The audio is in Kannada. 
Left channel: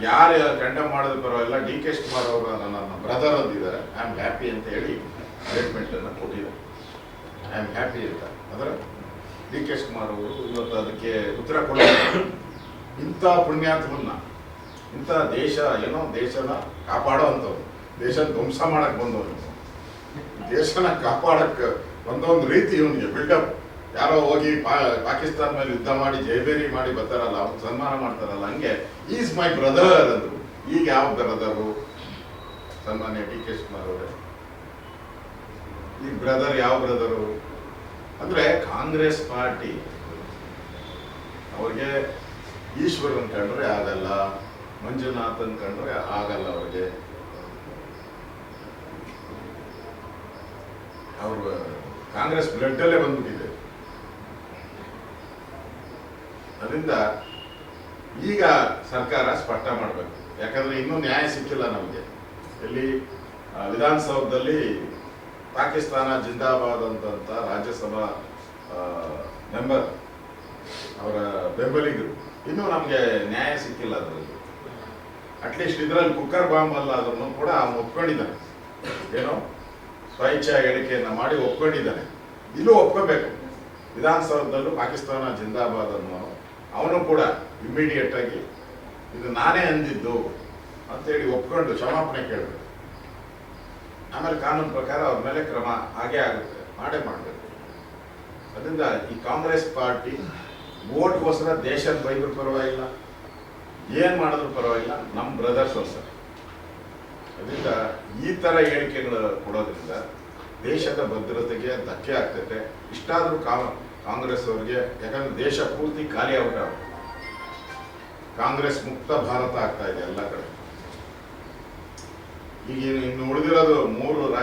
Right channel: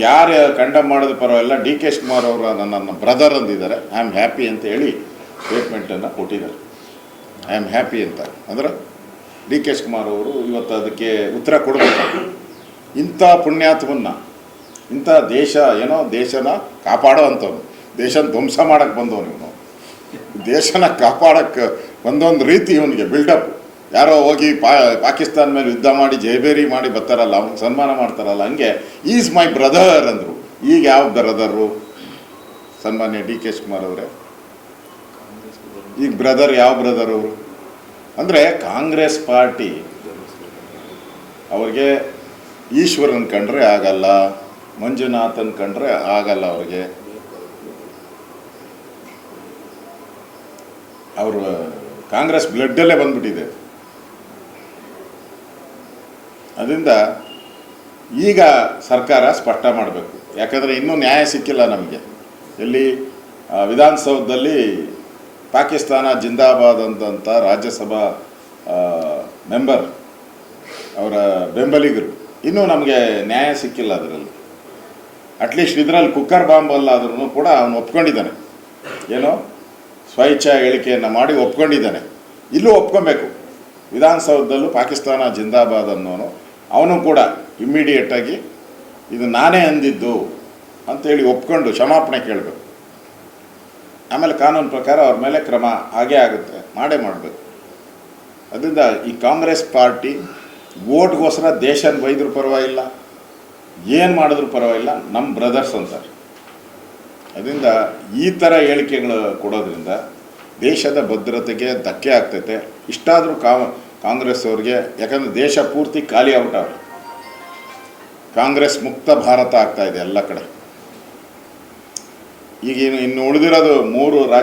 ನಮ್ಗೆ ಯಾರು ಕಂಡಮ್ ಮಾಡೋದು ಪರವಾಗಿಲ್ಲ, ಡಿ ಕೆ ಶಿವಕುಮಾರ್ ಅವರ ನನ್ನ ಬ್ರದರ್ ಅಂದಿದ್ದಾರೆ, ಐ ಆಮ್ ಹ್ಯಾಪಿ ಅಂತ ಹೇಳಿ ಸ್ಟೇಟ್ಮೆಂಟನ್ನು ಕೊಟ್ಟಿದ್ದಾರೆ. ಐ ಆಮ್ ಹ್ಯಾಪಿ ಅಂತ ಅಂದ್ರೆ ಡಿ ಕೆ ಶಿವಕುಮಾರ್ ಅವರು ಇವತ್ತು ಅದಕ್ಕೆ ಉತ್ತರ ಕೊಡಬೇಕು. ಇಂಥ ಪುಣ್ಯಾತ್ಮನ್ನ, ಇಂಥ ದೇಶ ಏನೋ ದೇಶನ ಕಾಪಾಡೋ ಅಂಥವ್ರು, ದೇಶನ ಧ್ವಂಸ ಮಾಡೋಕ್ಕೆ ಬಂದವನು ಇವನು, ದೇಶನ ಕಾಪಾಡೋಕ್ಕೆ ಬಂದೊಂದು ರೀತಿ ಇವನಿಗೆ ಬಿಲ್ಡಪ್. ಯಾರೋ ಹೋಗಿ ಪಾಕಿಸ್ತಾನ ಮೇಲೆ ಯುದ್ಧ ಮಾಡಿ ಜಯಬೇರಿ ಮಾಡಿ ಬರ್ತಾರಲ್ಲ, ಅವ್ನು ಸನ್ಮಾನ ಮಾಡ್ತಾರಲ್ಲ, ಹಂಗೆ ಈಸ್ ಮೈ ಬ್ರದರ್ ಅಂದರು. ಈಗ ಯಾವ ಬ್ರದರು ಸನ್ಮಾನ್ಯ ಡಿ ಕೆ ಶಿವಕುಮಾರ್ ಅವರೇ? ಈಗ ಬ್ರದರ್ ಯಾವ ಬ್ರದರ್ ಅವರು ಅಂದರೆ ಕಾಂಗ್ರೆಸ್ ಪಾರ್ಟಿ ಅವ್ರಿಗೆ ಈಶ್ವರನ್ ಕಂಡ್ರೆ ಆಗಲ್ಲ, ಮಂಜುನಾಥನ್ ಕಂಡ್ರೆ ಆಗಲ್ಲ, ಅವ್ರಿಗೆ ಅವರು ಕಾಂಗ್ರೆಸ್ ಬ್ಲಡ್ಡಲ್ಲೇ ಬಂದ್ಬಿಟ್ಟಿದೆ. ಅದರಿಂದ ಈಗ ಸರ್ಕಾರ ಸ್ಪಷ್ಟ ಮಾಡಬೇಕು, ಯಾಕಂದರೆ ಇನ್ನೂ ನ್ಯಾಯ ಸಿಕ್ಕಿಲ್ಲ ನಮಗೆ. ಎಲ್ಲಿ ವಿಧಾನಸೌಧದಲ್ಲಿ ಪಾಕಿಸ್ತಾನ ಜಿಂದಾಬಾದ್ ಅಂತಂತ ರಾಜ್ಯಸಭಾ ಮೆಂಬರ್ ಅವರ ಬೆಂಬಲಿಗರು, ಇನ್ನೂ ನಮಗೆ ನ್ಯಾಯ ಸಿಕ್ಕಿಲ್ಲ ಅದರಲ್ಲಿ. ಅಟ್ಲೀಸ್ಟ್ ಇದರಲ್ಲಿ ಕುಕ್ಕರ್ ಬಾಂಬ್ ಅಲ್ಲಾದ್ರೂ ಕೂಡ ಅವನು ಒಪ್ಕೊಂಡಿದ್ದಾನೆ, ಏನೋ ಸ್ವಇಚ್ಛಾ ಹೇಳಿಕೆಯನ್ನು ಮಾಡಿ ಒಪ್ಕೊಂಡಿದ್ದಾನೆ. ಇಲ್ಲೂ ಒಪ್ಕೊಬೇಕು, ವಿಧಾನಸೌಧದಲ್ಲೂ ಪಾಕಿಸ್ತಾನ ಜಿಂದಾಬಾದ್ ಅನ್ನೋನು ಅವನು ಕೂಡ ಇಮ್ಮಿಡಿಯೇಟಾಗಿ ಇದು ನಾನೇ ಅಂದಿದ್ದು ಅಂಥೇಳಿ ಒಪ್ಕೊಂಡು ಕ್ಷಮಾಪಣೆ ಕೇಳಬೇಕು. ಆಮೇಲೆ ಕಾನೂನು ಪ್ರಕಾರ ಅವ್ರ ಮೇಲೆ ಕ್ರಮ ಹಾಗೇ ಆಗುತ್ತೆ, ಮಾಡೇ ಮಾಡಬೇಕು. ಅದರಿಂದ ಈ ಕಾಂಗ್ರೆಸ್ ಪಾರ್ಟಿ ವೋಟ್ಗೋಸ್ಕರ ದೇಶದ ಬೈದರೂ ಪರವಾಗಿಲ್ಲ, ಏನು ಮಾಡಿದ್ರೂ ಪರವಾಗಿಲ್ಲ, ನಮ್ಮ ಬ್ರದರ್ಸ್ ಅಂತಾರೆ. ಅದರಿಂದ ಈ ಥರ ಹೇಳಿಕೆಗಳು ಕೊಡೋದ್ರಿಂದ ದೇಶದ ಭದ್ರತೆಗೆ ಧಕ್ಕೆ ಆಗ್ತೈತೆ. ಇಷ್ಟಾದರೂ ಕಾಂಗ್ರೆಸ್ ಅವ್ರಿಗೆ, ಯಾಕಂದರೆ ದೇಶ ಪೂರ್ತಿ ಖಾಲಿ ಆಗ್ಬಿಟ್ಟವ್ರೆ, ಕಾಂಗ್ರೆಸ್ ಮುಕ್ತ ಭಾರತ ಆಗ್ತಾಯಿದೆ ಎಲ್ಲ ಕಡೆ. ಈಗ ಇನ್ನು ಉಳಿದಿರೋದು 3